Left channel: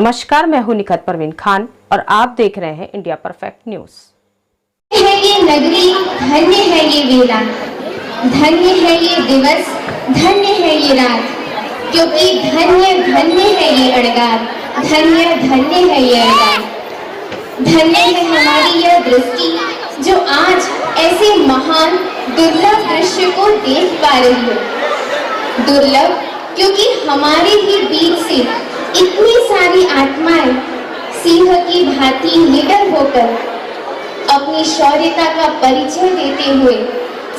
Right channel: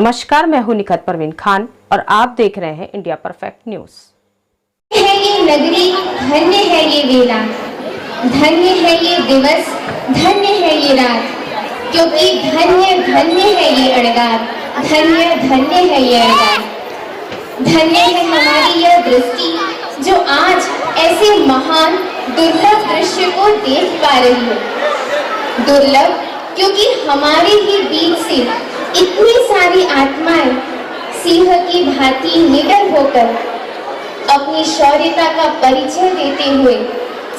नमस्कार, मैं हूं निखत परवीन खान और आप देख रहे हैं इंडिया परफेक्ट न्यूज। है ये नगरी, धन्य है ये वेला, धन्य है ये दिवस, धन्य है ये रात, क्योंकि धन्य धन्य है ये अड़गार, धन्य धन्य है ये अड़गार। धन्य है हमारी यह दृष्टि जो आज ऐसे महान दुर्लभ दृश्य को देख पा रही हो। दुर्लभ क्योंकि हमारे ही बीच से इतनी सारी आत्माएं सिंह की भांति निडर होकर अपनी शौर्यता का परिचय देते हुए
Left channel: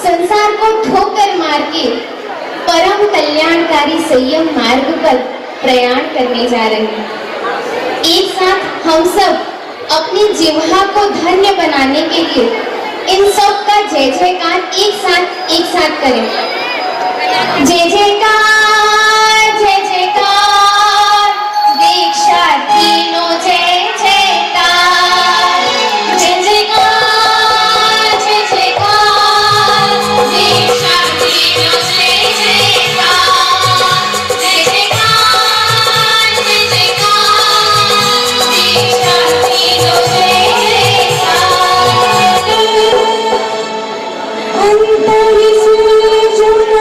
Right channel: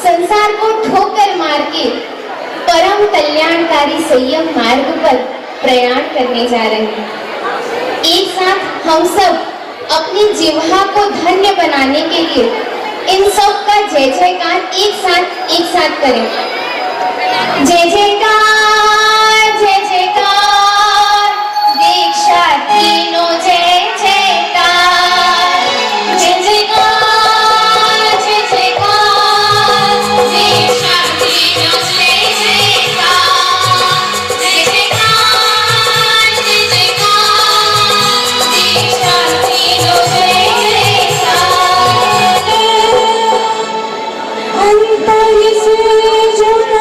संसार को ठोकर मार के परम कल्याणकारी संयम मार्ग पर प्रयाण करने जा रहे हैं। एक साथ हम सब अपनी जिह्वा को धन्य बनाने के लिए इन सब का जय जयकार एक साथ करें। जय जयकार, जय जयकार, दीक्षा तीनों जय जयकार, जय जयकार, जय जयकार, दीक्षा तीनों जय जयकार, जय जयकार, जय जयकार, दीक्षा तीनों जय जयकार। अंतर से जो लगता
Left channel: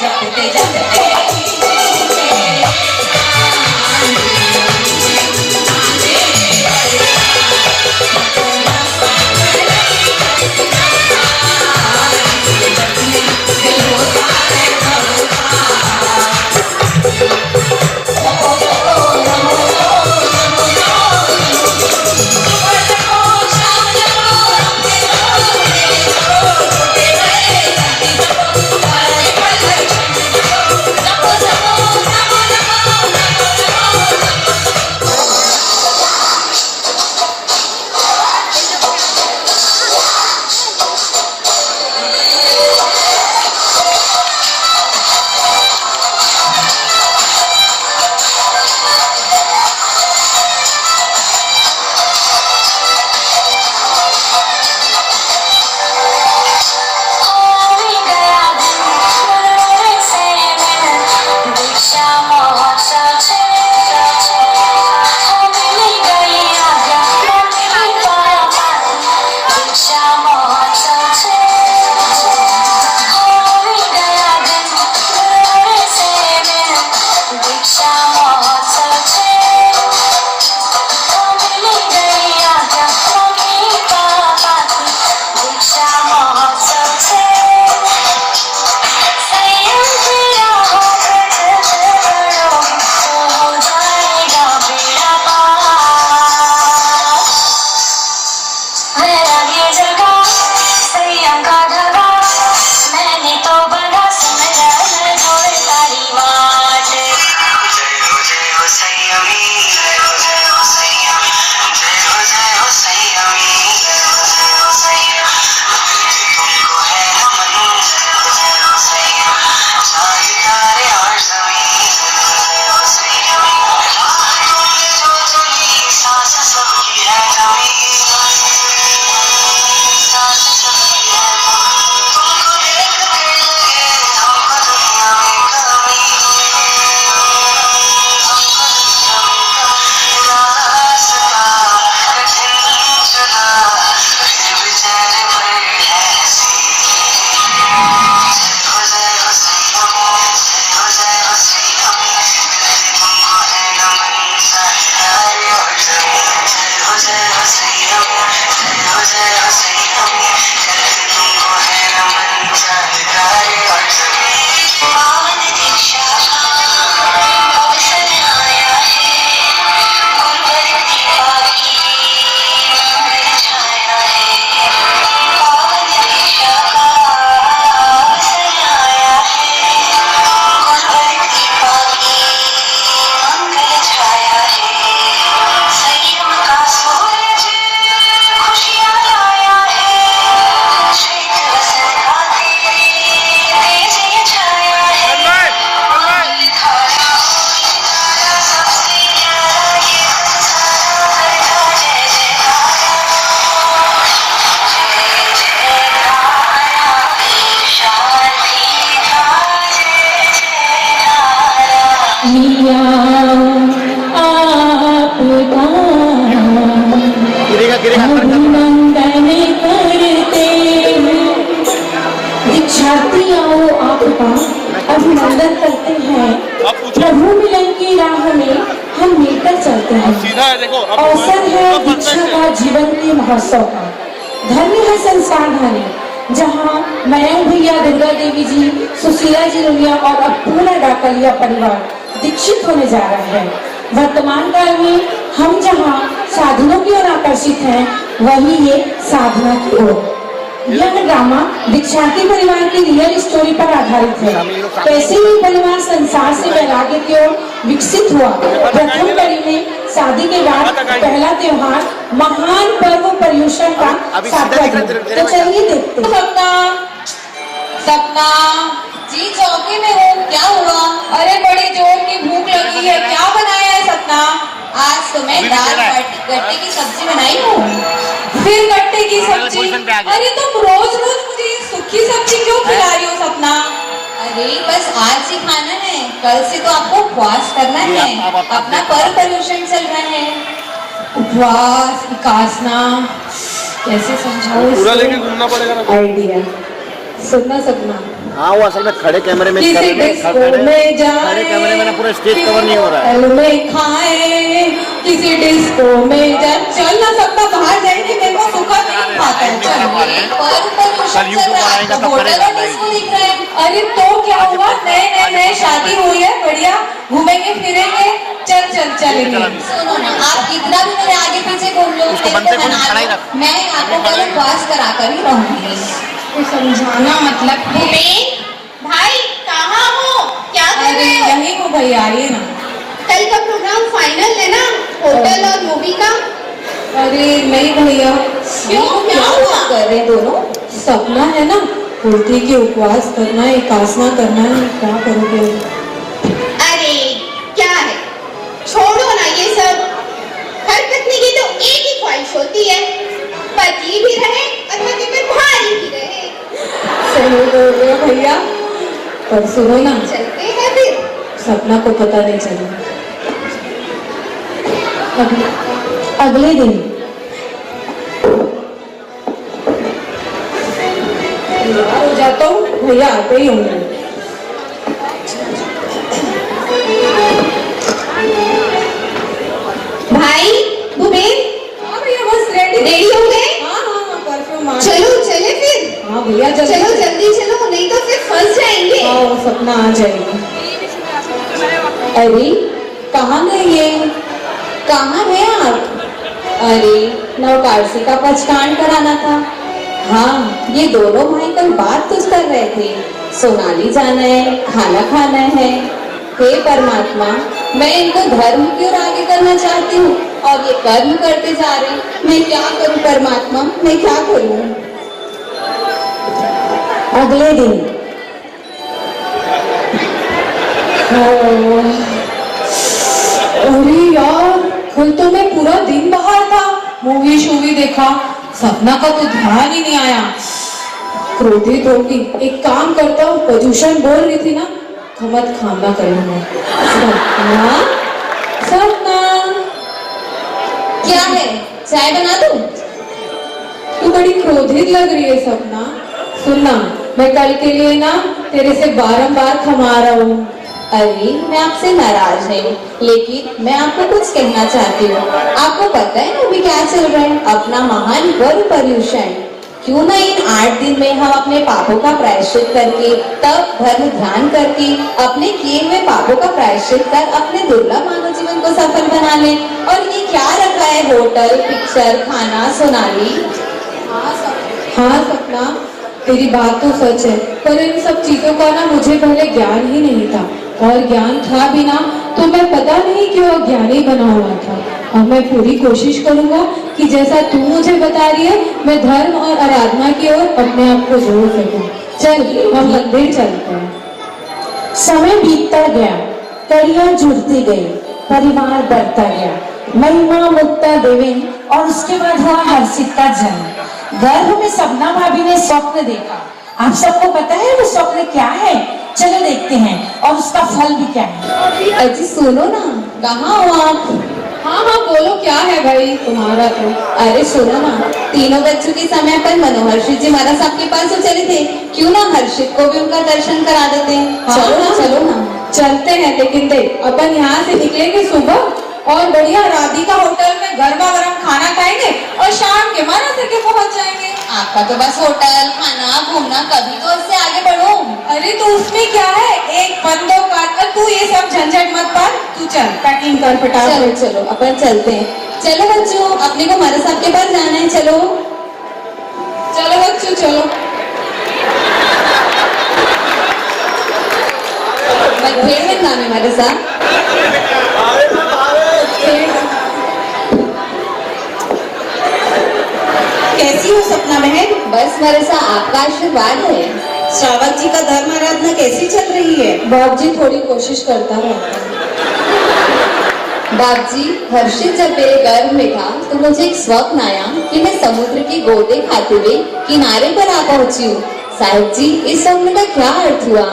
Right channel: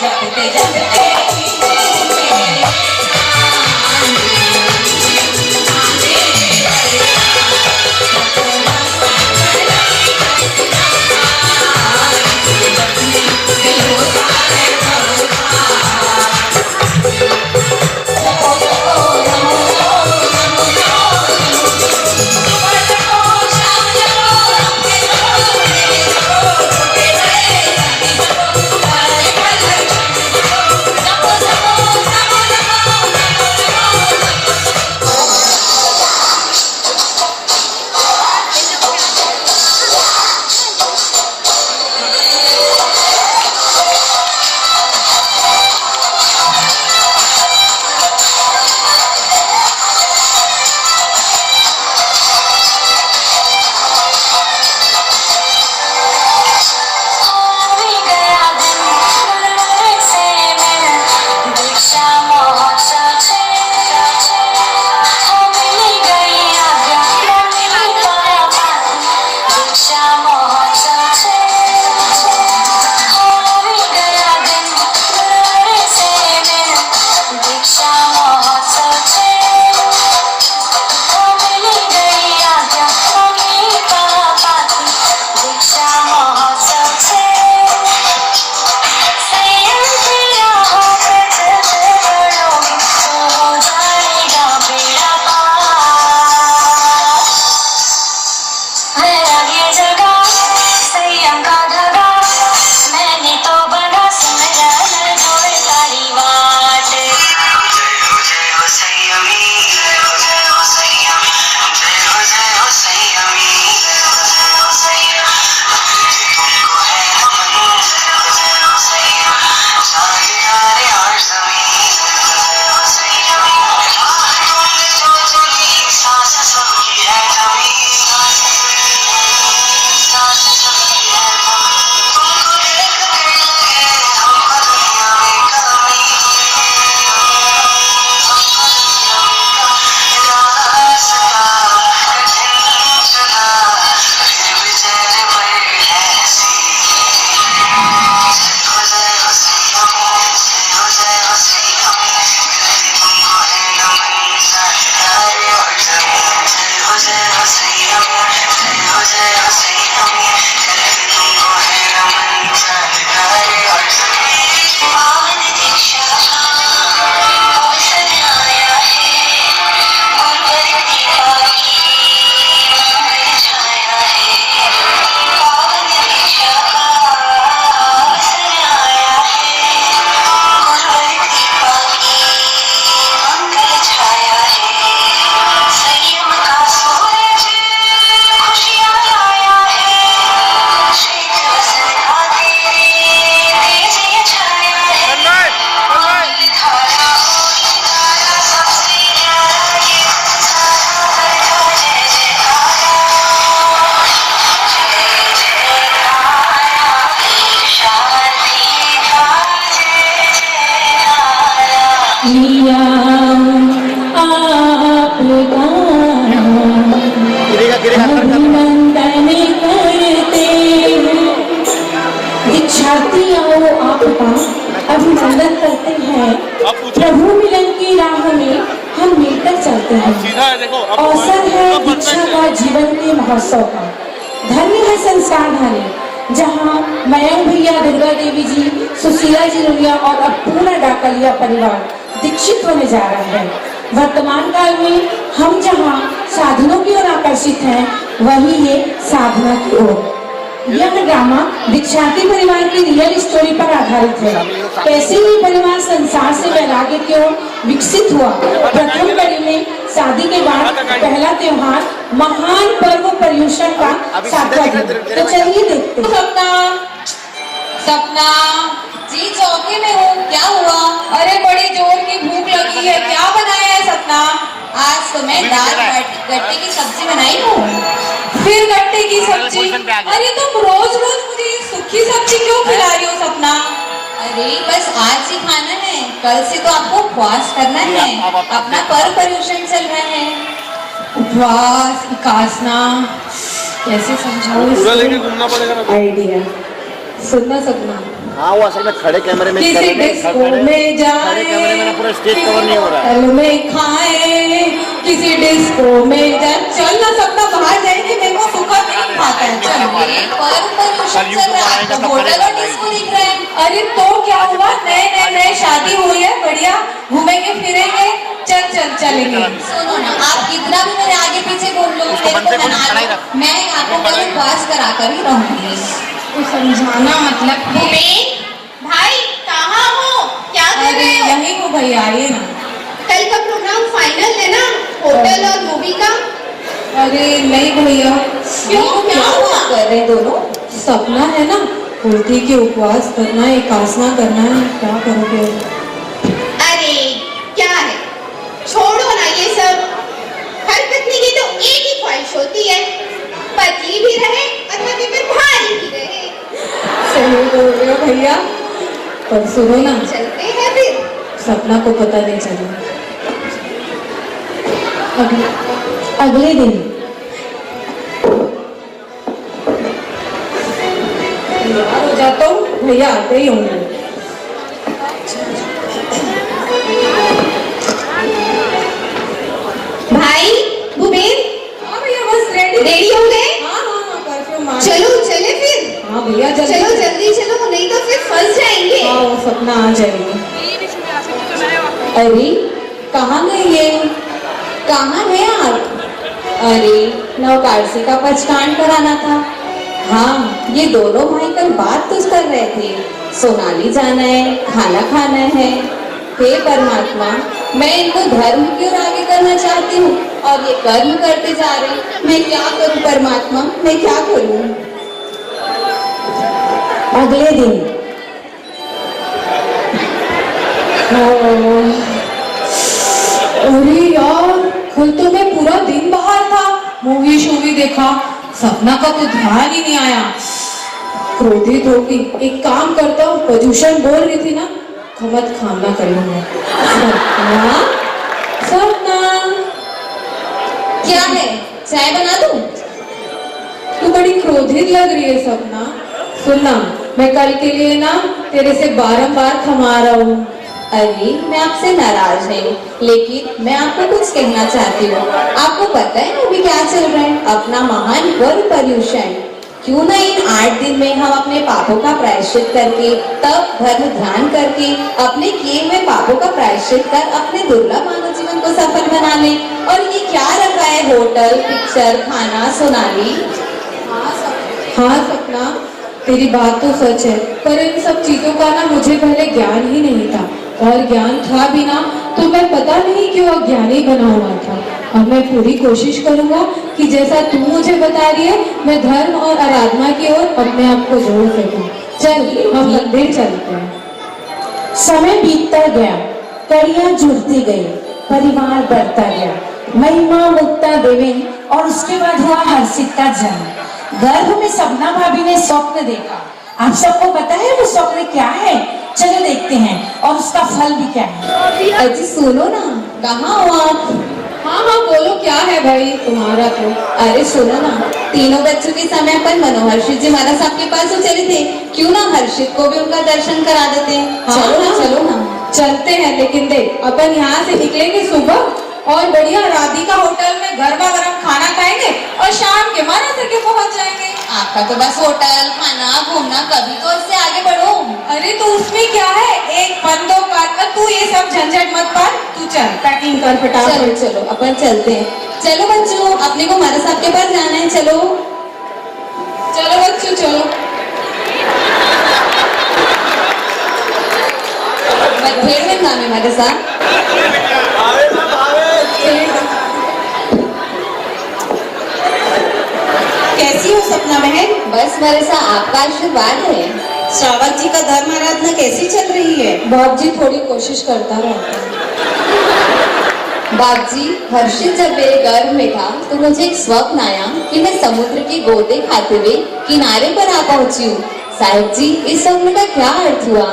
जपते जपते अभिनंदन करते हैं। प्रभु मिलन की राह में हम मिलकर चलते हैं। अवसर है दीक्षा का जीवन के महोत्सव का। धन्य है संस्थान धन्य जहाँ मयंक भैया, दुर्गा देवी जी, सुशीला जी रुनिया और अब पूरा डाकलिया परिवार दीक्षित होने जा रहा है। वर्तमान काल में हम जहाँ साधनों की ओर आकर्षित हैं, वही ये साधना की ओर। यह ड्रामा दीक्षाती परिवार की रियल स्टोरी पर आधारित है। कैसे ही परिवार संसार से वैराग्य की ओर विकसित हुआ। प्रथम कड़ी में शादी के बाद पहला त्योहार महान पर्व पर्युषण का सार्थक। तो चलिए देखते हैं। सपना जी चौकी में हूँ, क्या हुआ? अरे बड़ी जोर की भूख लगी है, क्या बनाया है सपना? आज तो मैं दाल गट्टे की सब्जी बनाई हूँ। फिर गट्टे की सब्जी? अरे तुम रोज रोज मुझे सूखी सब्जी क्यों खिला रही हो सपना? अरे बस आज ही खाना है, कल से तो आपको उपवास करना है। अपना पर्व पर्युषण चल रहा है। उपवास, उपासना, कैसे समझो? आइडिया सुनना सपना। हाँ वो असल में खड़े कैमरे में किसी डिस्को में खड़े जाए, कैमरे में पूरा स्टेज कवर नहीं हो रहा है। होटल में खाए, किसी डिस्को में जाए। चल ना सपना, बाहर जाएंगे, मेरे को सुखा नहीं खाता है। चल अरे तो क्या हुआ, नए शादी हुई है, बढ़िया घूमेंगे फिरेंगे। चल चल चलेंगे। सुनो ना, आप कितना भी मेरे आगे पीछे घूम लो, मैं आपको कल उपवास करा कर ही रहूंगी। समझाना मतलब भाई कहाँ हो, क्या कर अरे रहे हो? यही हो भैया, आइए ना। कल का प्रोग्राम फाइनल है ना, होटल और मूवी का? अरे नहीं भैया। क्यों, क्या हुआ? कर रहे दोनों? सपना है ना, बोलती कि उपवास करना है, एकासना करना है। क्या करोगे? अरे क्या है, छोड़ो ना ये सब। हर पत्नी की तो एक ही ख्वाहिश होती है, पति भी रहे और पति पर भारी भी रहे। सही बोल रहे हो भैया, पर सुनो ना, चलते हैं फिर। सपना को पता नहीं चला। अगले दिन हो जाता हूँ, भैया आते ही होंगे। भाई भूपेन, हाँ भैया, बस रेडी हो गए? हाँ, परफ्यूम। चलो चले फिर। हाँ भैया, चलो जल्दी चलो, नहीं तो फिर फंस जाएंगे। हाँ, सपना आ जाएगी। अरे कहाँ गए ये? कहाँ गए आप? अरे नवकार्सी का पचकांड कराना था। हाँ, ये दोनों भाई कल बात तो कर रहे थे, सोनाली जाना है, खाना खाना है। हे परमात्मा, मैं इनको धर्म क्यों आगे करना चाहती हूँ और ये कर्म करते जा रहे हैं। मैं क्या करूँ परमात्मा, मैं क्या करूँ? अगले दिन अरे यार, कल तो मैं पूरा दिन बाहर था, मूवी शूवी देखा, सपना का तो ध्यान ही नहीं आया। क्रोधित होगी, एक काम करता हूँ, प्रदूषण बोल रही थी ना, मत खाना करूंगा। सपना, सपना क्या है, चाय बना दूं? तू बड़ी क्रोधित लग रही है सपना। सुनना, मैं कल के लिए ना तेरे से बारंबार क्षमा रहा हूँ। अरे मैं आपसे नाराज नहीं, लेकिन मैं आपको कुछ कहना चाहती हूँ। आपको पता है अभी क्या चल रहा है? अपना महान गर्भ पर्युषण। क्यों ना इन 8 दिन में हम अपने पापों का प्रायश्चित करके, तब धर्म ध्यान करके, अपने किए हुए पापों का प्रायश्चित कर अपने दुर्लभ मानव जीवन को सफल बना लें। और ये क्या रखा है, होटल, पिक्चर, खाना, सोनाली। हाँ सपना, तेरी बात तो सच है, पर इन सब चीजों का ना मुझे पहले ज्ञान ही नहीं था, और ज्ञान था भी ना तो मैं पता नहीं क्यों अज्ञानी बना हुआ था। अब मैं पूरी कोशिश करूंगा कि जैसा तू मुझे बता रही है, मैं धर्म और आराधना की ओर अपने आप को जोड़ सकूं। चल हम मंदिर चलते हैं। समय बीतता गया, कड़ियां जुड़ती गई, परिवार बढ़ता गया। महिमा मुक्ता देवी और उसके बाद हुआ हर्षित का जन्म। गर्भ में सपना भाभी ने स्वप्न देखा। आप सबको पता है वो स्वप्न क्या है? चलो देखते हैं और उसका फल भी क्या है। अजी सुनो ना, कहाँ हो आप? हाँ हाँ बोलो, क्या है भाई तुम्हारा तो? अरे सुनो ना, तीनों बच्चों के समय पर मनोहर्षित जी महाराज साहब के पास तो चले थे, क्यों ना हर्षित को भी उनका दर्शन करा देते हैं। हाँ, चलो ना, चलो ना। चलते हैं, लेकिन देख अपन यहाँ से निकलेंगे सुबह और बढ़िया राधिका होटल में गरबा गरम खाना खाएंगे और शाम के 12 तक पहुँच जाएंगे। आपका तो बस होटल, खाना, घूमना, कभी तो उससे आगे बढ़ो। अरे तो उसमें क्या है, एक बंदो का, तू ये सब झंझट मत कर, तू चल पैकिंग कर चलो फटाफट। चलो अपन चलते हैं। चलो बच्चों, अपने को हमारे साहब के पास जाना है। चलो चलो बच्चों चलो। खेल में नाम है हमारे साथ। कैसी हो सपना बहन? बस मेरे साथ आपका आशीर्वाद है। श्रावक जी का धर्म आराधना कैसी चल रही है? बाप जी थोड़ी कोशिश करता रहता है। बाप जी, हर्षित जब मेरे गर्भ में था तो मुझे एक स्वप्न आया कि मैं समुद्र की गोते खाते हुए किनारे पर आ पहुंची हूँ। साहिब जी, इस स्वप्न का क्या अर्थ हुआ?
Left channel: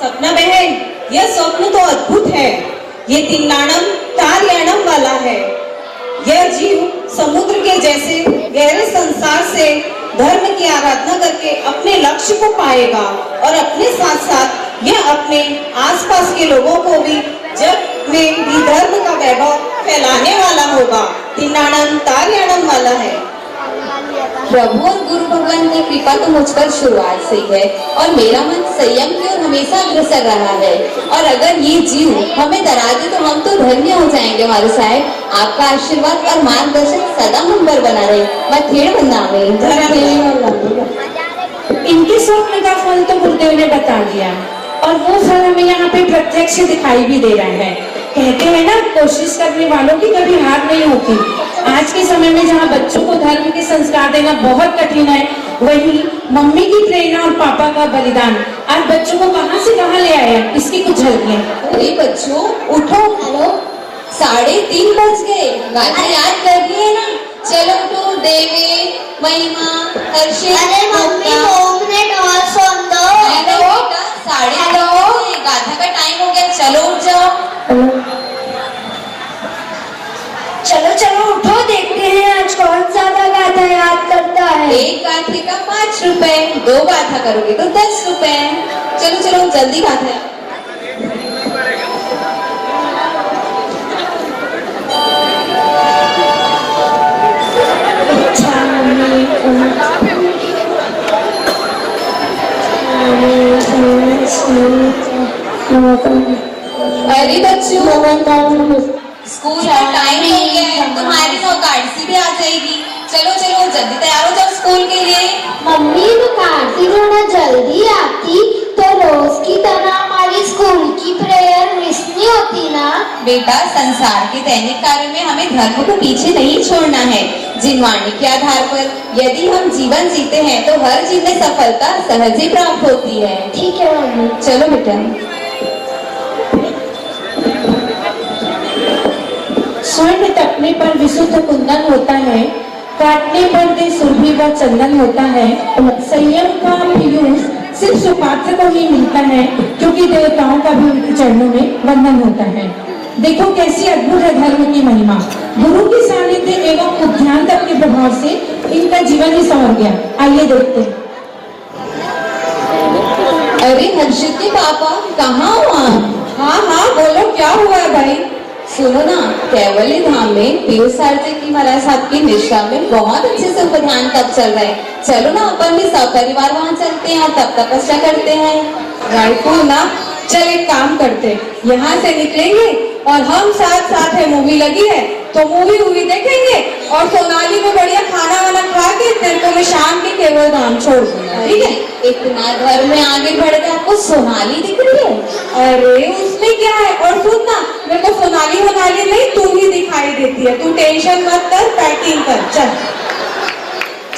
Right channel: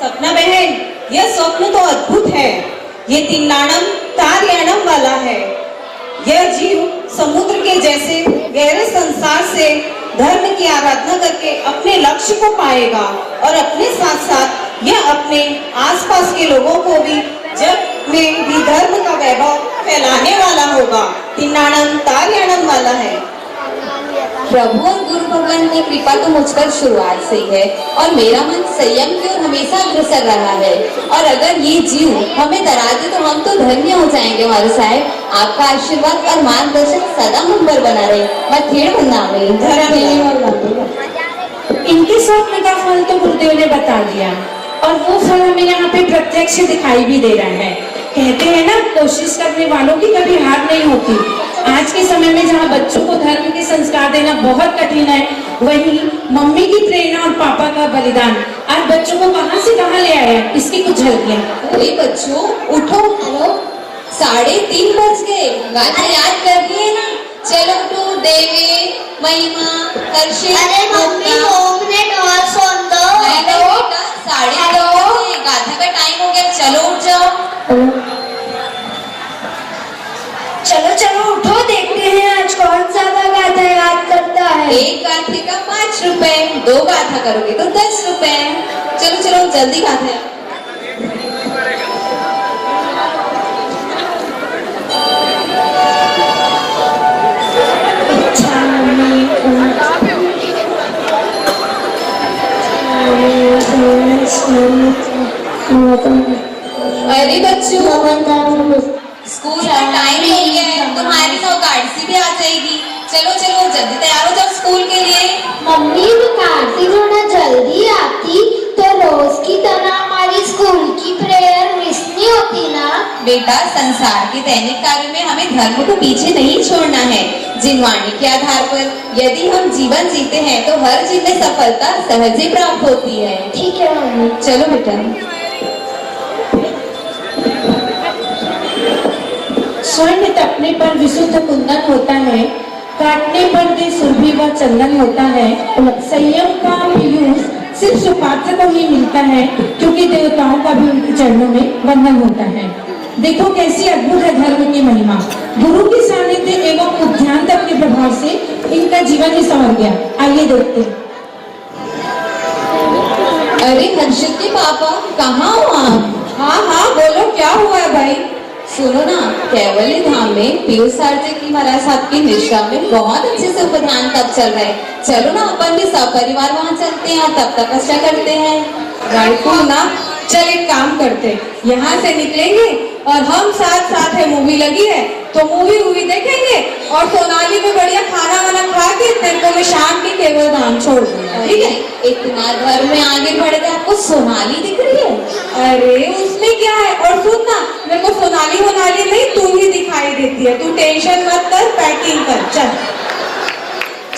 सपना बहन, यह स्वप्न तो अद्भुत है। ये तिन्नाणम तारयाणम वाला है। यह जीव समुद्र के जैसे गहरे संसार से धर्म की आराधना करके अपने लक्ष्य को पाएगा और अपने साथ साथ यह अपने आसपास के लोगों को भी जग में भी धर्म का वैभव फैलाने वाला होगा। तिनाणम ताल्याणम वाला है। प्रभु और गुरु भगवान की कृपा तो मुझ पर शुरुआत से ही है और मेरा मन संयम की ओर हमेशा अग्रसर रहा है। और अगर ये जीव हमें डरा दे तो हम तो धन्य हो जाएंगे। हमारे साहब, आपका आशीर्वाद और मार्गदर्शन सदा हम पर बना रहे। मैं खेड़ बना रही। इनके स्वप्न का फल तो गुरुदेव ने बता दिया और वो फल हमें यहाँ पे प्रत्यक्ष दिखाई भी दे रहा है। कहते हैं ना, कोशिश करने वालों की कभी हार नहीं होती। आज के समय में जहाँ बच्चों को धर्म के संस्कार देना बहुत कठिन है, वहीं मम्मी की प्रेरणा और पापा का बलिदान आज बच्चों को कहाँ से कहाँ ले आए, इसकी कुछ झलकियां। अरे बच्चों, उठो उठो, 3:30 बज गए। गाथा याद कर दिए ना? चलो उठो। देवी महिमा हर्षित। अरे मम्मी 2 मिनट और सुन दो। नहीं बेटा, 2:30 गाथा का टाइम हो गया। चलो उठ जाओ। चलो चलो उठो, देखते हैं आज कौन ज्यादा गाथा याद करता है। एक गाथे का 5 रुपए, 2 गाथा करोगे तो 10 रुपए। चलो चलो जल्दी गाथा। अरे बच्चों, स्कूल का टाइम हो गया है, तुम्हारी तो गाड़ी भी आ जाएगी। चलो चलो जल्दी तैयार हो जाओ स्कूल के लिए। मम्मी वो कार्ती थोड़ा जल्दी आती तो रोज की तरह हमारी स्कूल की प्रेयर मिस नहीं होती ना। बेटा, संसार के दैनिक कार्य में हमें धर्म को पीछे नहीं छोड़ना है। जिनवाणी के आधार पर यदि हम जीवन जीते हैं तो हर चीज में सफलता सहज ही प्राप्त होती है। ठीक है मम्मी। चलो बेटा। स्वर्ण तपने पर विशुद्ध कुंदन होता है, काटने पर दे सुरभि व चंदन होता है। संयम का यूज सिर्फ सुपात्र को ही मिलता है, क्योंकि देवताओं का भी उनके चरणों में वंदन होता है। देखो कैसी अद्भुत है धर्म की महिमा। गुरु की सानिध्य एवं अध्यात्म के प्रभाव से इनका जीवन ही संवर गया। आइए देखते हैं। अरे हर्षित के पापा, कहाँ हो आप? हाँ हाँ बोलो, क्या हुआ है भाई? सुनो ना, कैवल्य धाम में पीयूष जी की महाराज साहब की निष्ठा में बहुत अच्छे से उपध्यान तप चल रहा है। चलो ना अपन भी सपरिवार वहाँ चलते हैं और तब तपस्या करते हैं। बिल्कुल ना, चल एक काम करते, यहाँ से निकलेंगे और हम साथ साथ है, मूवी लगी है तो मूवी देखेंगे और सोनाली में बढ़िया खाना वाना खा के तेरे को मैं शाम की केवल धाम छोड़ दूंगा। ठीक है? इतना घर में आगे बढ़े तो आपको सोनाली दिख रही है? अरे उसमें क्या है? और सुन ना, मेरे को सोनाली नहीं, तू ही दिखाई देती है। तू टेंशन मत कर, पैकिंग कर।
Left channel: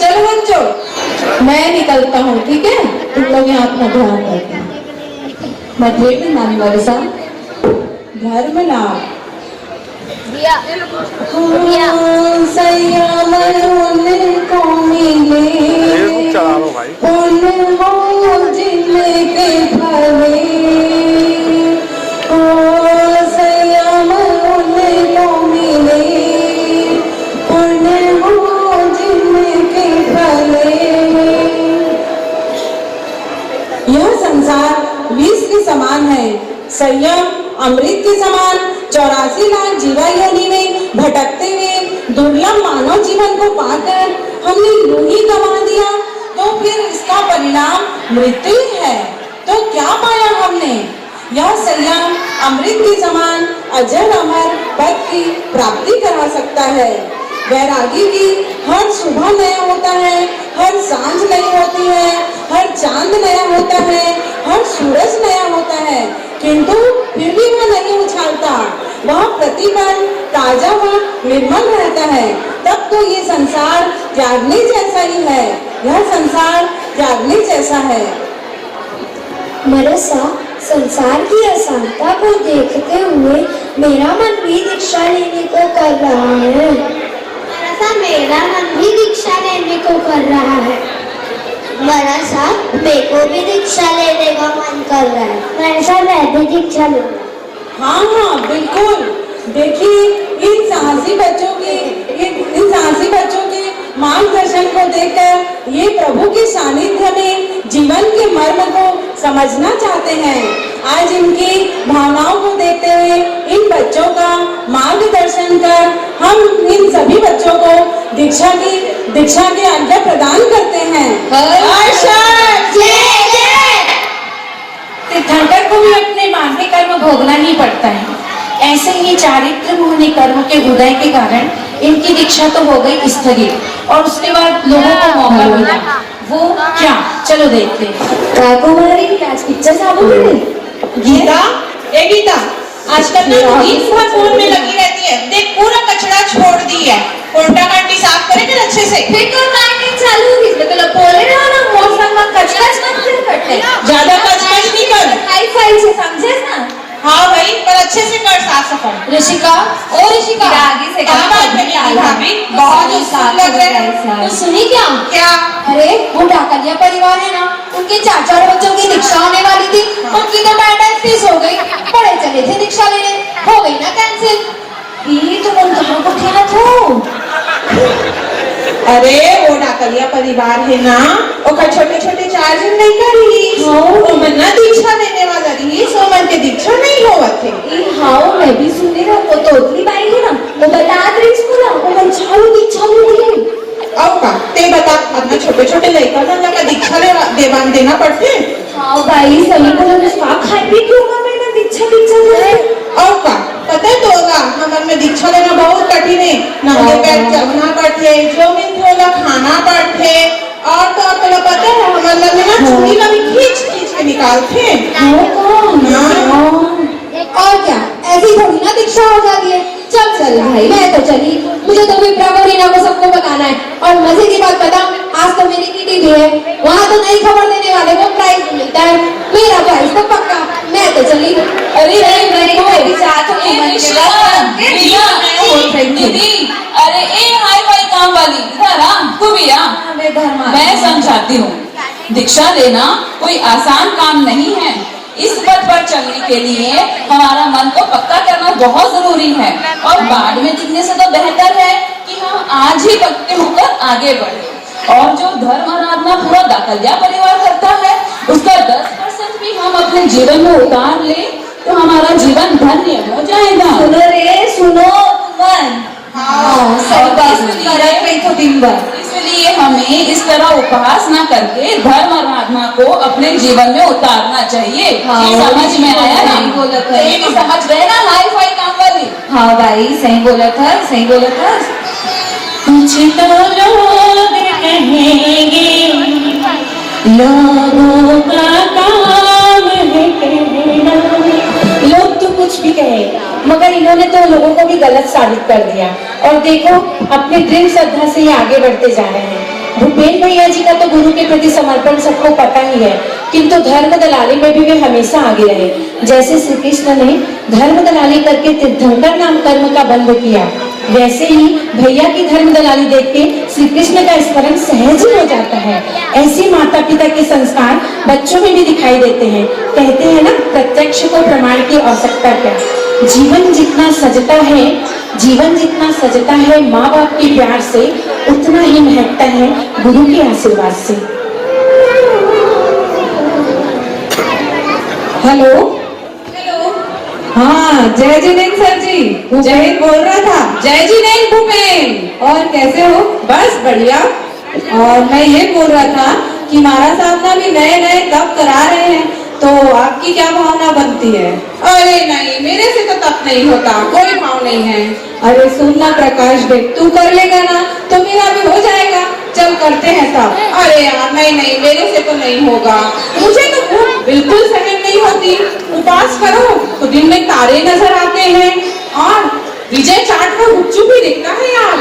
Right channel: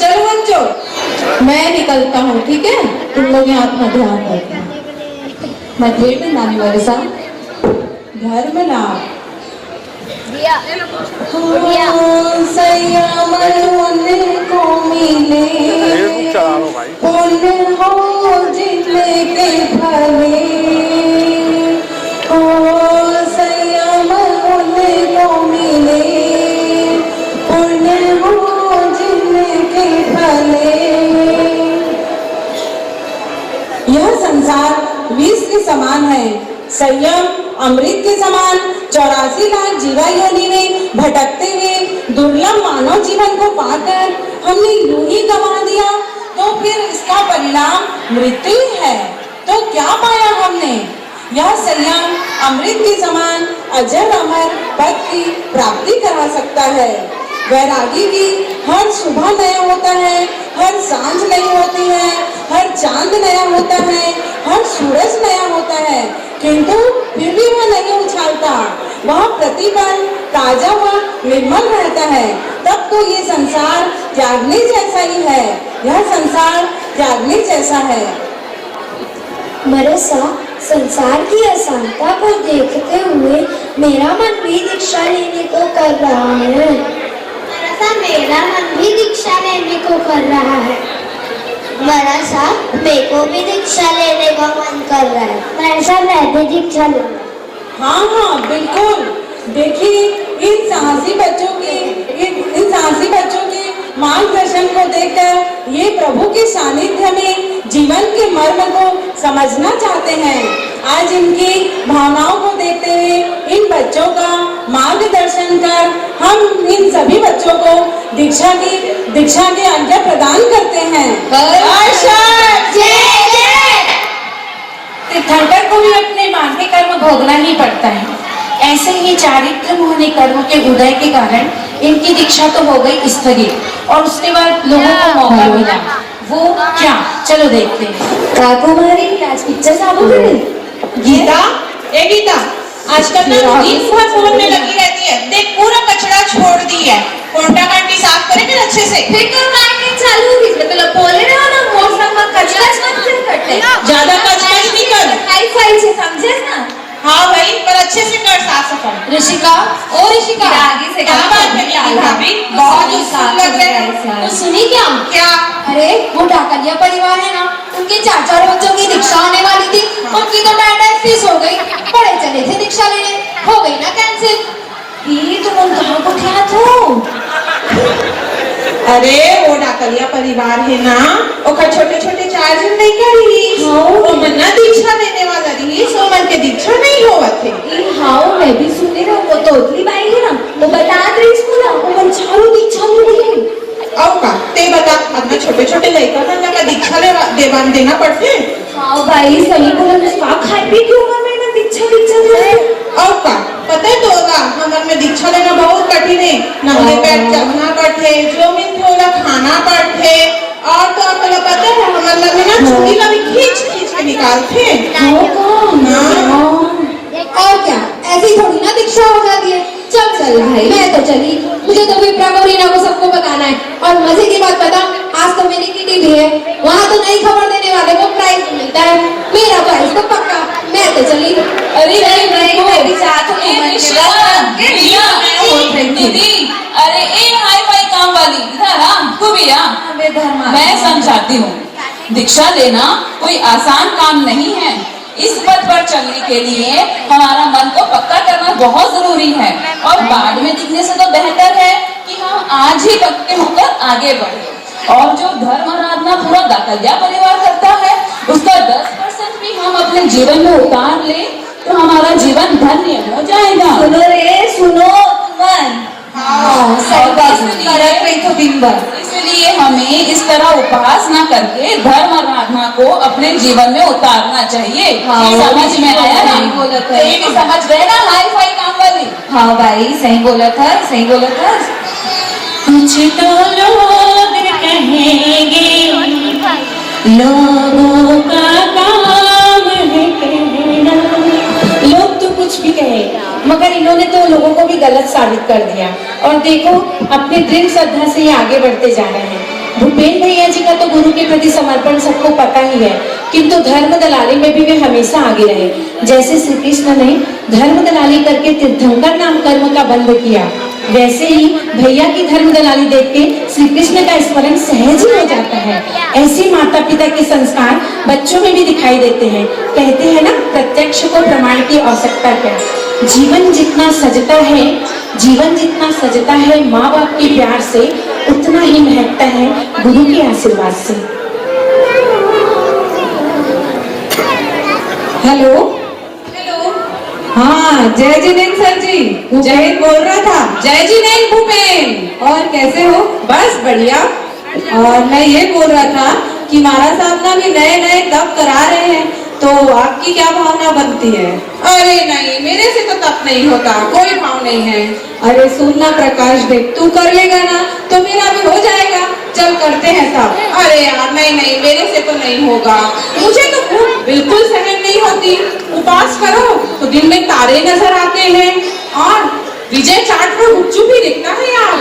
चल मंजो, मैं निकलता हूँ। ठीक है, तुम लोग यहाँ अपना ध्यान रखना। मैं ट्रेन में नानी वाले साहब घर में लाओ। यह संसार विष के समान है, संयम अमृत के समान। 84 लाख जीवा योनि में भटकते हुए दुर्लभ मानव जीवन को पाकर हमने यूं ही गंवा दिया, तो फिर इसका परिणाम मृत्यु है। तो क्या पाया हमने? यह संयम अमृत के समान अजर अमर पद की प्राप्ति करा सकता है। वैरागी भी हर सुबह नया होता है, हर सांझ नई होती है, हर चांद नया होता है, हर सूरज नया होता है, किंतु फिर भी वह नहीं उछालता। वह प्रतिपल ताजा व निर्मल रहता है। तब तो ये संसार त्यागने जैसा ही है। यह संसार त्यागने जैसा है। मरसा, संसार की अशांतता को देखते हुए मेरा मन भी दीक्षा लेने को कर रहा है। मरसा, मेरा मन भी दीक्षा लेने को कर रहा है। मरसा, मेरे को भी दीक्षा लेने का मन कर रहा है। मरसा, मैं भी दीक्षा लूंगा। हाँ हाँ बिल्कुल। देखिए इन साहसी बच्चों की मार्गदर्शन को देकर ये प्रभु के सानिध्य में जीवन के मर्म को समझना चाहते हैं। आज इनकी भावनाओं को देखते हुए इन बच्चों का मार्गदर्शन कर हम इन सभी बच्चों को दीक्षा के आज्ञा प्रदान करते हैं। तीर्थंकर को भी अपने मानवीय कर्म भोगना ही पड़ता है। ऐसे ही चारित्र होने कर्म के उदय के कारण इनकी दीक्षा तो हो गई स्थगित और उसके बाद लोगों को मौका मिला। वो क्या, चलो देखते हैं। कुमारी आज पिक्चर चालू है। गीता, ए गीता, आजकल ना दिन भर फोन में लगी रहती है। देख पूरा कचरा छोड़ दी है। कोंटा कांटी साफ करेंगे अच्छे से। फिर तो काटने चालू हुई तो बोले बोले ना ना मौसम में कचरा मत क्यों करते। ज्यादा कचरा नहीं कर। हाई फाई से समझे ना। हाँ भाई, पर अच्छे से कर साफ सफाई। ऋषिका, ओ ऋषिका, आगे से क्या बात है भाभी, बहुत उत्सुक लग रहे हैं। तो सुनी क्या? अरे वो डाकलिया परिवार है ना, उनके 4 बच्चों की दीक्षा होने वाली थी। उनकी तो अटेंडेंस फीस हो गई। बड़े चले थे दीक्षा लेने, हो गई ना कैंसिल। ये तो मन को क्या था। अरे वो डाकलिया परिवार है ना, वो छोटे छोटे 4 जन नहीं करी। वो मन्ना दीक्षा देने वाला रही, सो मन के दीक्षा नहीं हुआ थे। हाँ मैं भी सुनी ना, वो तो उतली बाई है ना, वो बता रही स्कूल वो मन चालू दीक्षा मिली। और का ते बता, अपने छोटे छोटे लड़का मन का दीक्षा देना पड़ते। हाँ भाई सही बोला, उसका खाए पी क्यों का मेरे को दीक्षा दे। और का पता है तो होगा, नमन में दीक्षा लेना बहुत कठिन है। नमन पैर चलना पड़ते, जो मिलते होला खाना पड़ते। और तो पता है हमारे में ना छुरी लगी खींच के निकालते। और क्या ऐसी थोड़ी ना दीक्षा हो जाती है। चल भाई मैं तो चली, मुझे तो भी प्रभु को सबको बताना है। और मजे की बात बताओ, आज तो मेरी किटी भी है, वहाँ तो नई खबर देने वाले को प्राइज मिलता है। मेरा तो आज तो पक्का, मैं तो चली। अरे नहीं मैं भी चाहती हूँ। अरे एक हाई फाई काम वाली इधर आ, तू भी आ। मैं समझाती हूँ, दीक्षा लेना कोई आसान काम नहीं है। इस पथ पर चलने के लिए हमारा मन को पक्का करना बहुत जरूरी है और बाद में जीतने से तो बेहतर है कि हम आज ही पक्के होकर आगे बढ़े। और जो धर्म आराधना पूरा दाखलिया परिवार करता है, उसका 10% भी हम अपने जीवन में उतार ले तो हमारा जीवन धन्य हो जाएगा। सुनो रे सुनो मन। सही बात तो दिन भर, इसलिए हमें इस तरह उपासना करके धर्म आराधना को अपने जीवन में उतारना चाहिए। समझ में आया ना? बोला था ये भी समझ गए ना, हाई फाई काम वाली। हाँ भाई सही बोला था, सही बोला था। कुछ तो लोग कहेंगे, लोगों का काम है कहना। लोग तो कुछ भी कहे, मगर इन्होंने तो लोगों को भी गलत साबित कर दिया। और देखो अपने दृढ़ श्रद्धा से ये आगे बढ़ते जा रहे हैं। भूपेन भैया जी का तो गुरु के प्रति समर्पण सबको पता ही है, किंतु धर्म दलाली में भी वे हमेशा आगे रहे। जैसे श्री कृष्ण ने धर्म दलाली करके तीर्थंकर नाम कर्म का बंध किया, वैसे ही भैया की धर्म दलाली देख के श्री कृष्ण का स्मरण सहज ही हो जाता है। ऐसे माता पिता के संस्कार बच्चों में भी दिखाई देते हैं। कहते हैं ना, प्रत्यक्ष को प्रमाण की आवश्यकता क्या। जीवन जितना सजता है माँ बाप के प्यार से, उतना ही महकता है गुरु के आशीर्वाद से। हेलो हाँ, जय जिनेन्द्र सर जी, जय बोल रहा था। जय जी नहीं भूपेन, और कैसे हो? बस बढ़िया। और मैं ये बोल रहा था कि महाराज साहब ना भी नए तप करा रहे हैं, तो आपकी क्या भावना बनती है? अरे नहीं, मेरे से तो तप नहीं होता, कोई भाव नहीं है। अरे सुनना प्रकाश देख, तू कर लेगा ना तो मेरा भी हो जाएगा। चल करते हैं सब। अरे यार नहीं, मेरे से तो नहीं होगा। मुझे तो भूख बिल्कुल सहन नहीं होती। उपास करो तो दिन में तारे नजर आते हैं और विजय चाट को गुपचुप भी दिखता है यार।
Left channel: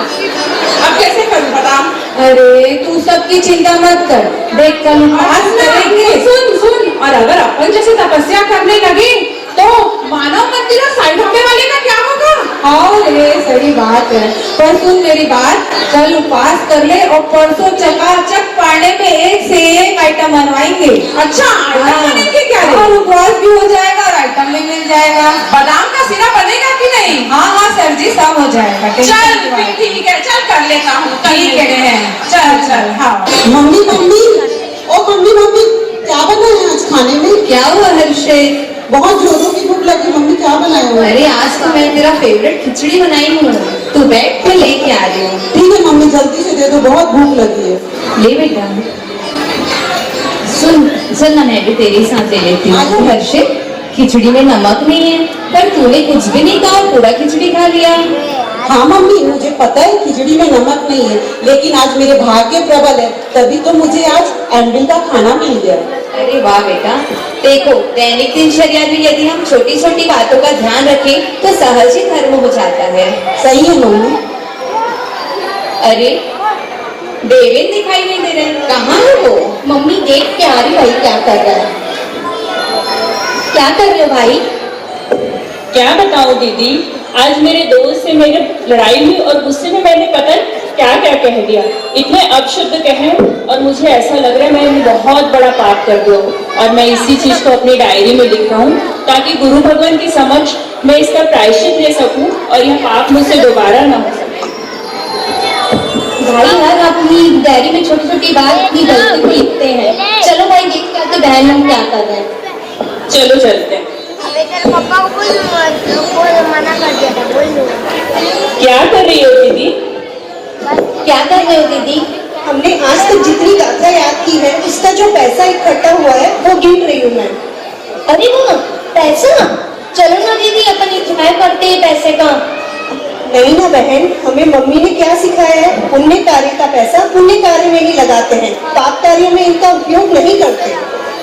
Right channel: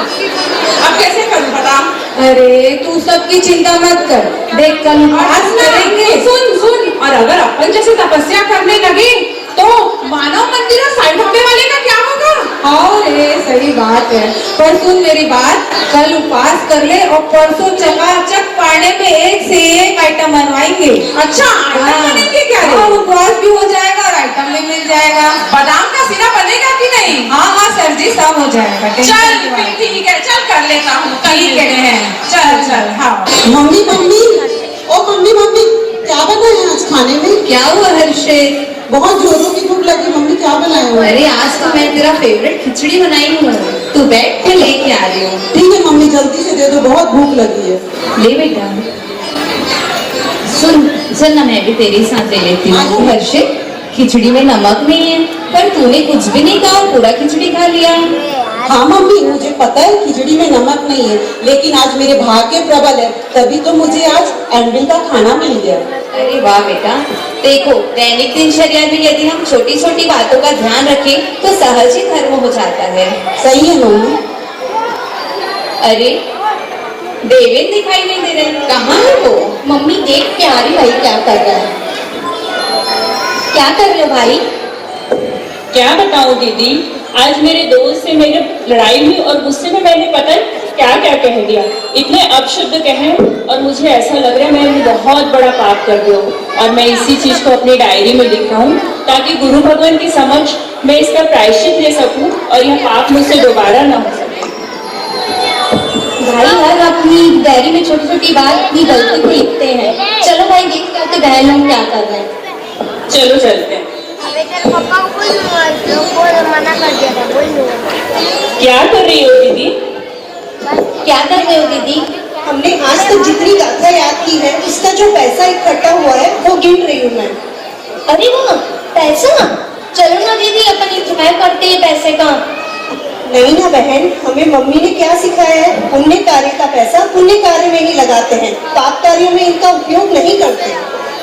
अब कैसे करूं बता? अरे तू सबकी चिंता मत कर, देख कल उपास करेंगे। सुन, और अगर अपन जैसे तपस्या करने लगे तो मानव मंदिर और साईं वाले का क्या होगा? हाँ रे सही बात है, पर सुन मेरी बात, कल उपास कर ले और परसों चकाचक पाने में एक से एक आइटम बनवाएंगे। अच्छा, आइटम बनेंगे क्या? उपवास भी हो जाएगा और आइटम भी मिल जाएगा। बादाम का सिरा बनेगा कि नहीं? हाँ हाँ सर जी, सब हो जाएगा। चल फिर ठीक है, चल कर लेता हूँ, कर ठीक लेते है, हैं। चल चल। हाँ मम्मी मम्मी, ओ मम्मी मम्मी, क्या बनाया है आज खाने में? क्या हुआ हर्षित? बहुत जोरों की भूख लगी मम्मी, क्या बनाया हुआ है? अरे आज तो मैं तेरा फेवरेट खिचड़ी बनाई हूँ, तू बैठ के लेके आ रही हूँ। ठीक है मम्मी, जल्दी से दे दो, बहुत भूख लगी है। ले बेटा, सुन चल ना मैं भी तेरे साथ ले लेती हूँ। हर्षित, खिचड़ी में नमक नहीं है, पर तूने कुछ भी नहीं कहा, पूरा खिचड़ी खा लिया। हाँ मम्मी, मुझे पता है खिचड़ी में नमक नहीं है, लेकिन आज मेरे भाग्य प्रबल है, तभी तो मुझे आज एंडिंग का खाना मिल गया। अरे वाह बेटा, देखो दैनिक दिनचर्या में यदि हम छोटी छोटी बातों का ध्यान रखें तो सहज ही धर्म हो जाता है। सही है मम्मी। अरे देवेन दिखाई नहीं दे रहे, कहाँ है वो? मम्मी देख के आ रही भाई, क्या कर रहा है? क्या कर रहे हो भाई? क्या बताऊं दीदी, आज मेरे दोस्त से मेरे लड़ाई हुई और गुस्से में मैंने पता क्या क्या कह दिया, इतने अपशब्द कहे और मुझे ऐसा लग रहा है मैं बहुत बड़ा पाप कर दूं। और मैं इसी चीज को अपनी डायरी में लिख रहा हूँ ताकि गुरु भगवान के समक्ष मैं इसका प्रायश्चित ले सकूं और यह पाप मुझसे दोबारा न हो सके। भाई हम अपनी डायरी में छोटी छोटी बात अपनी गलती को लिखते हैं। चलो भाई देखते हैं तो बहन लोग क्या कर रहे हैं। चलो चलते हैं। पापा को बोल मना कर दिया था, बोल दो। क्या कर रही हो दीदी? क्या कर रहे हो दीदी? हमने आज तक जितनी गाथा याद की है, उसका जो पैसा इकट्ठा हुआ है वो गिन रही हूँ मैं। अरे वो पैसा, चलो ना दीदी अपन इंतजार करते हैं पैसे का। नहीं ना बहन, हमें मम्मी ने क्या सिखाया है, पुण्य कार्य का पैसा पुण्य कार्य में ही लगाते हैं, पाप कार्यों में इनका उपयोग नहीं करते।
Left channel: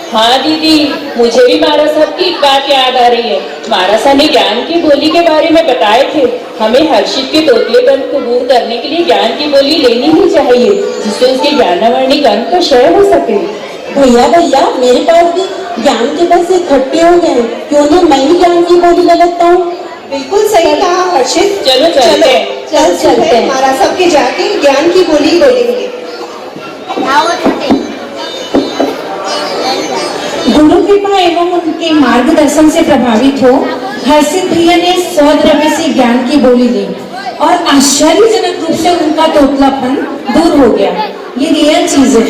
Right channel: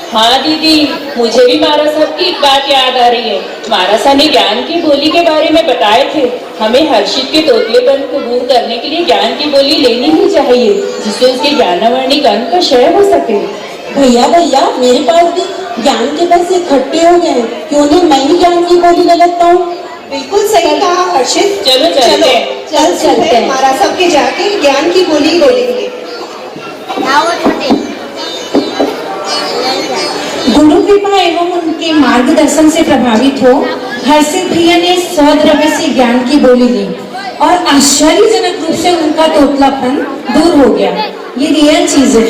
हाँ दीदी, मुझे भी महाराज साहब की एक बात याद आ रही है। महाराज साहब ने ज्ञान की बोली के बारे में बताए थे, हमें हर्षित के तोतलेपन को दूर करने के लिए ज्ञान की बोली लेनी ही चाहिए, जिससे उसके ज्ञानावर्णिक अंक का क्षय हो सके। भैया भैया, मेरे पास भी ज्ञान के पैसे इकट्ठे हो गए, क्यों ना मैं ही ज्ञान की बोली लगाता हूँ। बिल्कुल सही कहा हर्षित, चलो चलते हैं। चल चलते हैं, महाराज साहब के जाके ज्ञान की बोली ले लेंगे। गुरु कृपा एवं उनके मार्गदर्शन से प्रभावित हो हर्षित भैया ने स्वद्रव्य से ज्ञान की बोली ली और आश्चर्यजनक रूप से उनका तोतलापन दूर हो गया। ये रियल चीज है।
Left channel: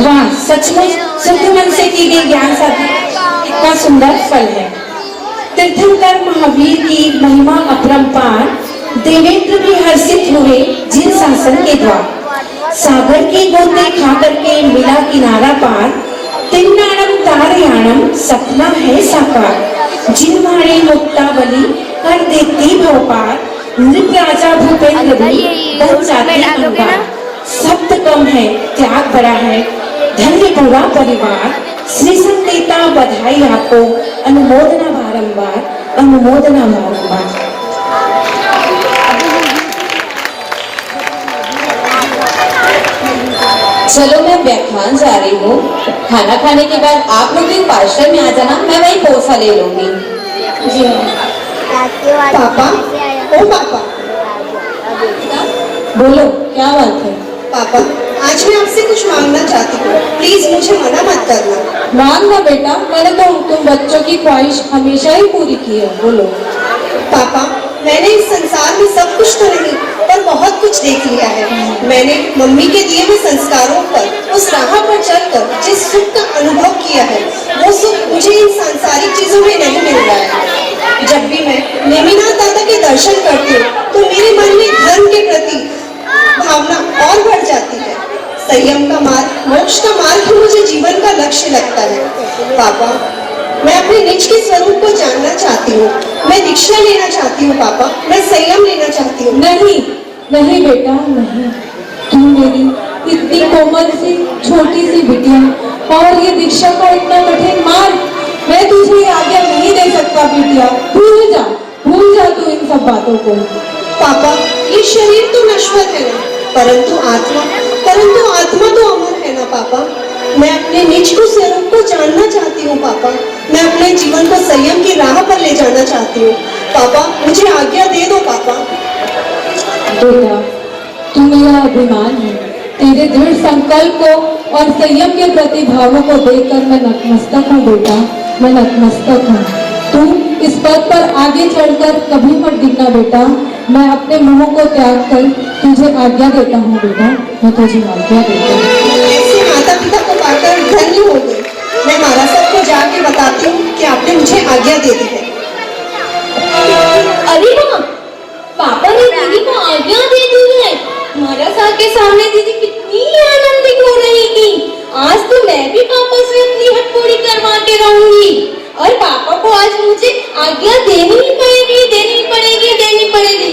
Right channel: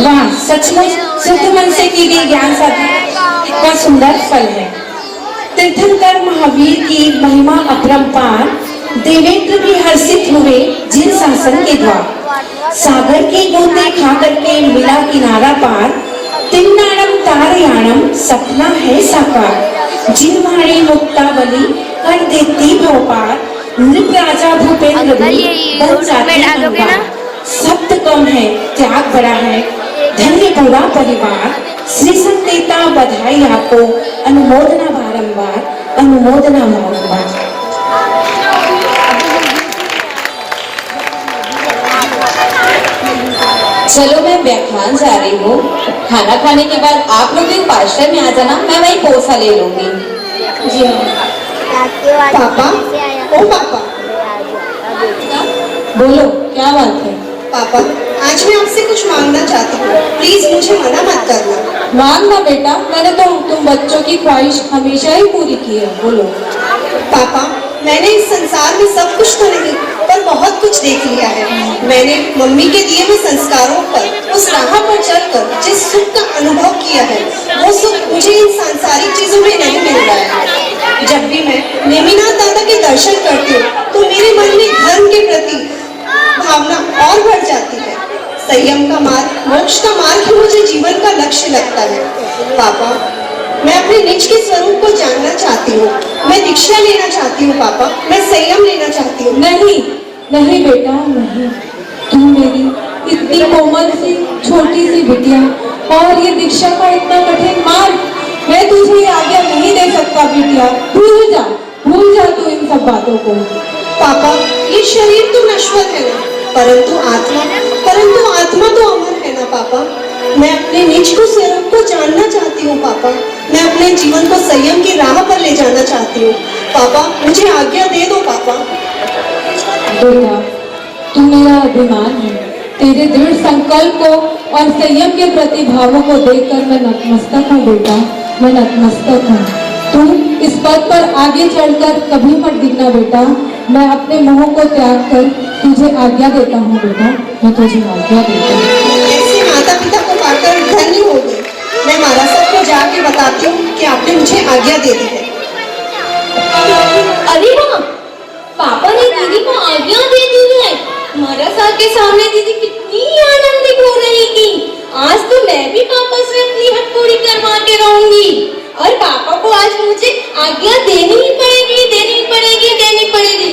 वाह, सचमुच शुद्ध मन से की गई ज्ञान साधना का सुंदर फल है। तीर्थंकर महावीर की महिमा अपरंपार, देवेंद्र भी हर्षित हुए जिन शासन के द्वार। सागर की बूंदे खा करके मिला किनारा पार, तिन्नाणम तारयाणम सपना है साकार। जिनवाणी मुक्तावली कर देती भोपाल, नृप राजा भूपेंद्र भी बन जाती अंगार। सप्त कम है त्याग बड़ा है, धन्य पूरा परिवार। श्री संत देता बधाई आपको, अनुमोदना बारंबार, अनुमोदना बारंबार। चलो मैं व्याख्यान जा रही हूँ, खाना खाने के बाद आप लोग एक पार्षद में आ जाना, मैं वही पोसा ले लूंगी। जी पापा, ओ पापा, बोलो क्या बात है? पापा आज मैं आपसे कुछ मांगना चाहती हूँ, प्लीज मुझे मना मत करना। मांगना बेटा, मैंने तो तुम बच्चों की ख्वाहिश हमेशा ही पूरी की है, बोलो। पापा, मैंने इस संसार में सब कुछ तो नहीं पर बहुत कुछ देख लिया है। मैंने मम्मी के दिए हुए संस्कारों पर, उस राह पर चलकर जिस सुख का अनुभव किया है, वो सुख मुझे इन सांसारिक चीजों में नहीं मिल रहा है। जब भी मैं नेमिनाथ दादा के दर्शन करती हूँ तो मेरे मन में धर्म के प्रति भावना और बढ़ जाती है। संयम का मार्ग, मोक्ष का मार्ग ही मुझे जीवन का लक्ष्य लगता है। पापा, मैं अपने निज के स्वरूप को जानना चाहती हूँ, मैं दीक्षा लेना चाहती हूँ। पापा, मैं संयम लेना चाहती हूँ। नहीं नहीं बेटा नहीं, तुम मेरी इतनी कोमल सी छोटी सी बिटिया और ये दीक्षा का इतना कठिन मार्ग, मैं तुझे आज्ञा नहीं दे सकता बिटिया। भूल जा तू इन सब बातों को। पापा, ये शरीर तो नश्वर है ना, परंतु आत्मा तो अमर है ना। पापा, मैं अपने निज को स्वरूप को जानना चाहती हूँ। पापा, मैं अपने जीवन को संयम की राह पर ले जाना चाहती हूँ। पापा, मुझे आज्ञा दे दो। पापा बेटा, तू मेरा अभिमान है, तेरे दृढ़ संकल्प को और संयम के प्रति भावों को देखकर मैं नतमस्तक हूँ बेटा, मैं नतमस्तक हूँ। तुम इस पद पर आगे चढ़कर कभी मत दिखना बेटा। मैं अपने मोह को त्याग कर तुझे आज्ञा देता हूँ बेटा, मैं तुझे आज्ञा देता हूँ। ऐसे माता पिता को पाकर धन्य हो गए। मैं महाराज साहब को जाके बताती हूँ कि आपने मुझे आज्ञा दे दी है। अरे वाह, पापा ने दीदी को आज्ञा दे दी है। महाराज साहब के सामने दीदी कितनी आनंदित हो रही थी। आज तो मैं भी पापा से अपनी हक पूरी करवा के रहूंगी और पापा को आज मुझे आज्ञा देनी ही पड़ेगी, देनी पड़ेगी, देनी पड़ेगी।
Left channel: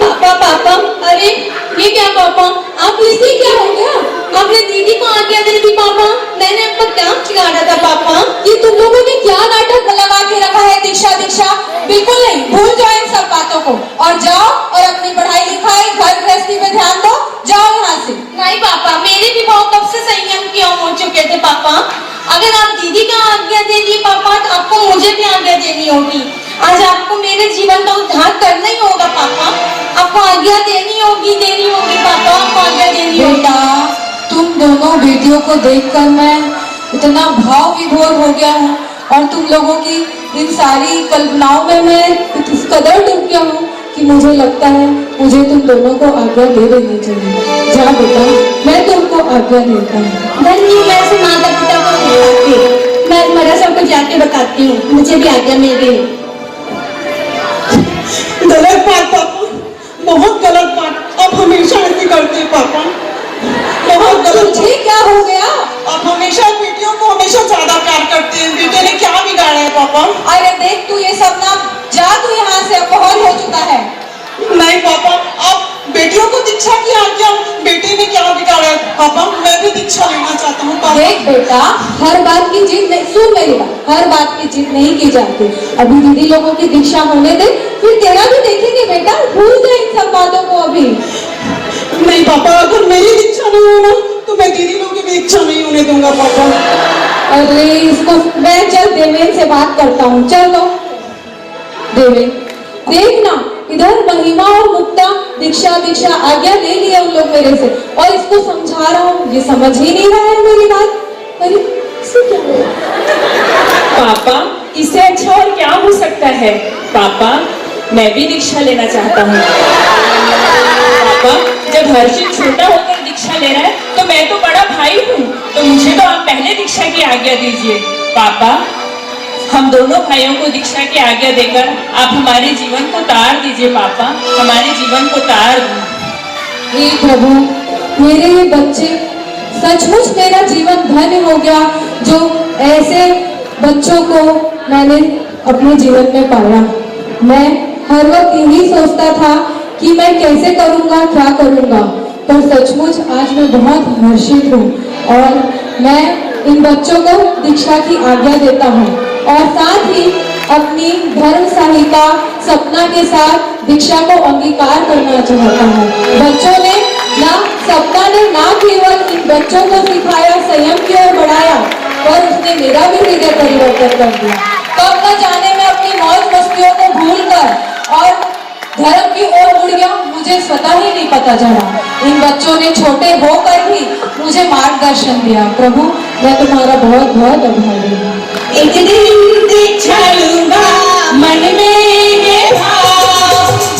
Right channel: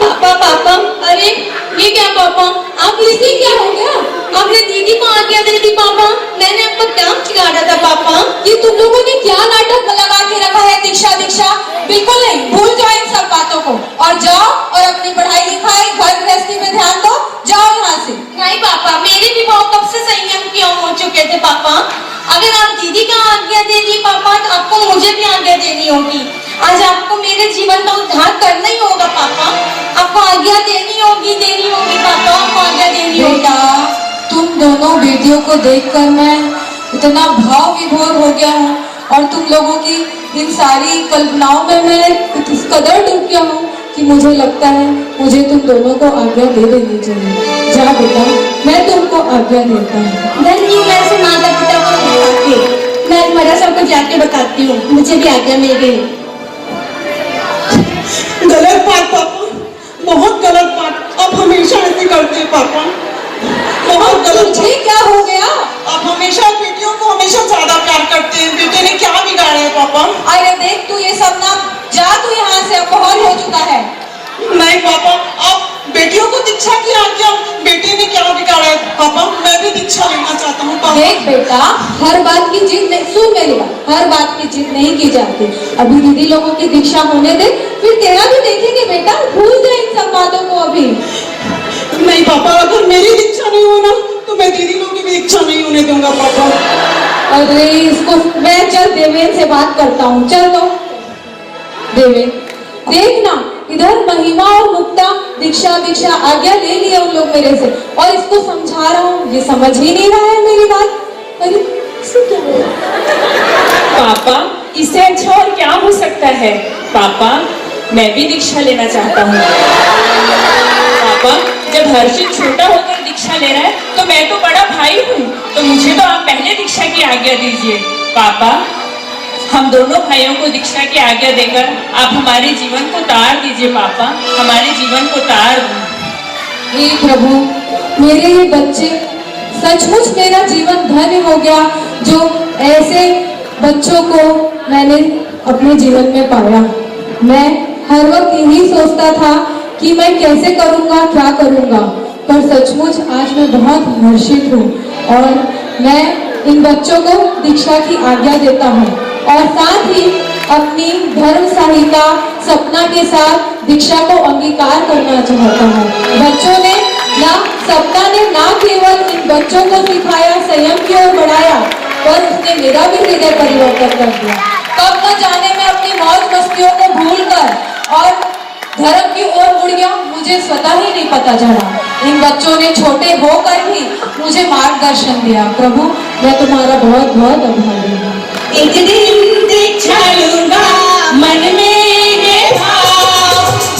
पापा पापा, अरे ये क्या पापा, आप इसे क्या हो गया? आपने दीदी को आज्ञा दे दी पापा। मैंने आपको क्या चिढ़ाया था पापा? ये तुम लोगों ने क्या नाटक लगा के रखा है? दीक्षा दीक्षा बिल्कुल नहीं, भूल जाओ इन सब बातों को और जाओ और अपनी पढ़ाई लिखाई घर गृहस्थी में ध्यान दो। जाओ यहाँ से। नहीं पापा, मेरे भी भाव कब से संयम की ओर हो चुके थे पापा। अगर आप दीदी का आज्ञा दे दिए पापा तो आपको मुझे भी आज्ञा देनी होगी। आज आपको मेरे जीवन का उद्धार करना ही होगा पापा। आपको आज्ञा देनी होगी पापा, आपको आज्ञा देनी होगी। बेटा, तुम दोनों बेटियों को देखकर मैं इतना भाव विभोर हो गया हूँ और तुम लोगों की इन सारी कल्पनाओं में मैं इस कदर डूब गया हूँ कि मुझे लगता है मुझे तुम दोनों को आज्ञा दे देनी चाहिए। जा बेटा, मैं तुमको आज्ञा देता हूँ। धन्य वैसे माता पिता को मैं महाराज साहब को जाके बताती हूँ, मुझे भी आज्ञा नहीं दे। गलत बात पापा, बहुत गलत बात। आप हमेशा ऐसे करते हैं पापा, बहुत गलत। मुझे क्या हो गया? आप हमेशा बेटियों को हमेशा ज्यादा प्यार करते हैं। बेटे ने क्या बिगाड़ा है पापा? अरे देख तू ये सब ना, जा तू यहाँ से, अब बहुत हो चुका है। नहीं पापा, आप बेटियों को दीक्षा की आज्ञा, बेटे ने क्या बिगाड़ा है पापा? मैं भी दीक्षा लेना चाहती हूँ पापा। देख बेटा, हर बात की जिद नहीं, सुन मेरी बात, हर बात की जिद नहीं की जाती। अभी दीदी लोगों की दीक्षा होने दे, फिर तेरा भी देखेंगे बेटा। भूल जा इन सब बातों को अभी। नहीं पापा, अगर मेरी दीक्षा नहीं होना तो मैं दीदी लोगों की भी दीक्षा नहीं होने दूंगा पापा। अरे इसको मैं चल देवेन से बात करता हूँ। चल तो देवेन, देख ना इधर महिमा और मुक्ता दीक्षा आज्ञा ले लिया उन लोग मेरे से और इसको समझा रहा हूँ, ये समझ ही नहीं रहा है मेरी बात। अरे पापा, इससे अच्छा और क्या हो सकता है? पापा, मैं भी दीक्षा लेना चाहता हूँ। पापा, जब हर्षित छोटा होकर दीक्षा ले रहा है तो मैं तो बड़ा भाई हूँ, तो मुझे तो आप पहले दीक्षा की आज्ञा दीजिए। पापा, हम दोनों भाइयों को दीक्षा की आज्ञा देकर आप हमारे जीवन को तार दीजिए। पापा, हमारे जीवन को तार दो। हे प्रभु, मेरे ये बच्चे, सचमुच मेरा जीवन धन्य हो गया जो ऐसे बच्चों को मैंने अपने जीवन में पाया। मैं हर वक्त यही सोचता था कि मैं कैसे करूँगा, क्या करूँगा, पर सचमुच आज मैं बहुत हर्षित हूँ और मैं इन बच्चों को दीक्षा की आज्ञा देता हूँ और साथ ही अपनी धर्म संहिता सपना के साथ दीक्षा को अंगीकार करना चाहता हूँ। बच्चों ने ना, सपना ने ना केवल इन बच्चों को सिखाया, संयम की ओर बढ़ाया, पर उसने मेरा भी हृदय परिवर्तन कर दिया। तब न जाने मैं अपनी मौज मस्तियों को भूलकर और धर्म की ओर मुड़ गया, मुझे स्वतः ही नहीं पता चला। इन बच्चों ने छोटे होकर ही मुझे मार्गदर्शन दिया। प्रभु, मैं तुम्हारा बहुत बहुत आभारी हूँ। एक दिन दीक्षा लूंगा मन में है भाव,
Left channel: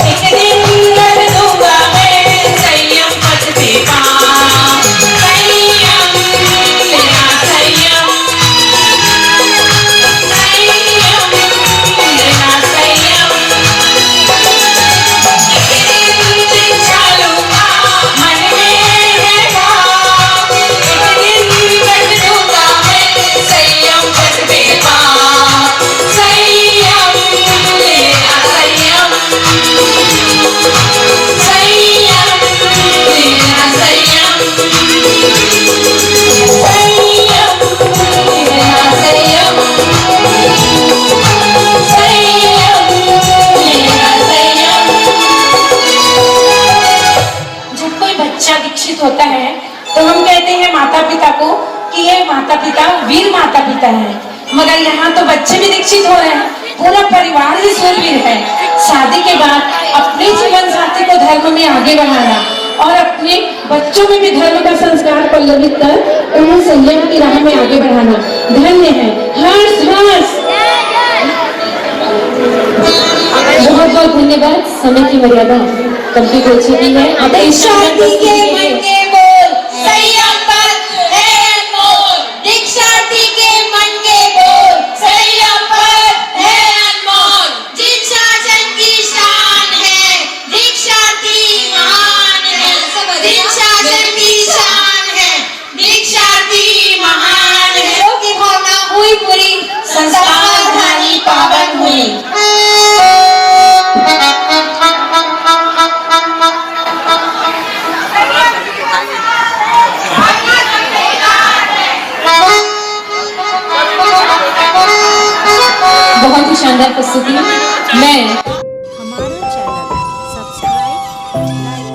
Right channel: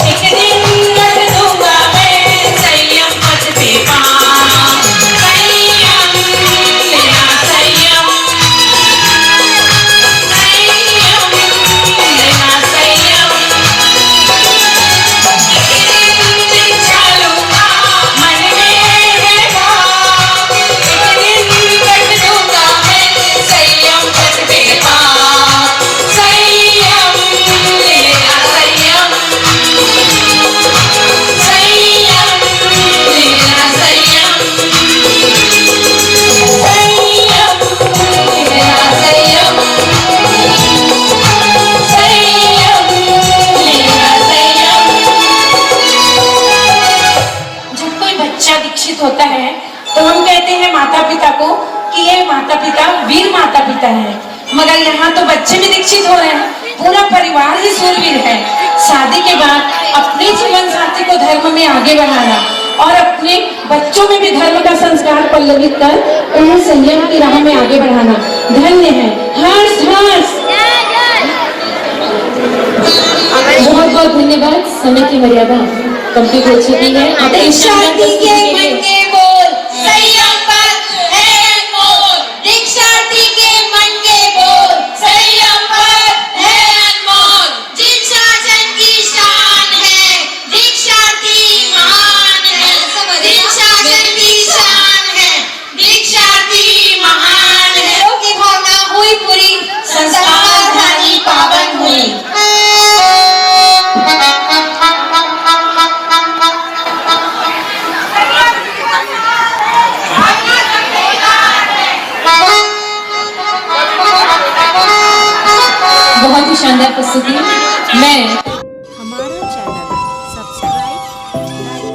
एक दिन कर दूंगा मैं संयम पथ पे पाँव। संयम मेरा संयम, संयम मेरा संयम। एक दिन दीक्षा लूंगा मन में है भाव, एक दिन कर दूंगा मैं संयम पथ पे पाँव। संयम मेरा संयम, संयम मेरा संयम, संयम मेरा संयम, संयम मेरा संयम। जब कोई बच्चा दीक्षित होता है तो हम कहते हैं माता पिता को कि ये माता पिता वीर माता पिता है, मगर यहाँ तो बच्चे भी दीक्षित हो रहे हैं, पूरा परिवार ही शूरवीर है। शादी के बाद अपने जीवन साथी को धर्म में आगे बढ़ाना और अपने बच्चों में भी धर्म का संस्कार पल्लवित कर उन्हें संयम की राह में आगे बढ़ाना धन्य है। हर्ष हर्ष। समय की मर्यादा कंप्लीट हो चुकी है। अब दीक्षा दी के मन के बोल संयम पद है अनमोल। दीक्षा दी के मन के बोल संयम पद है अनमोल। दीक्षा जन की शान है, दीक्षा दी महान है। दीक्षा जन की शान है, दीक्षा दी महान है। की भावना हुई पूरी, संस्कार धारी पावन हुई। बहुत ही शानदार प्रस्तुति। मैं हमारा चैनल सब्सक्राइब, लाइक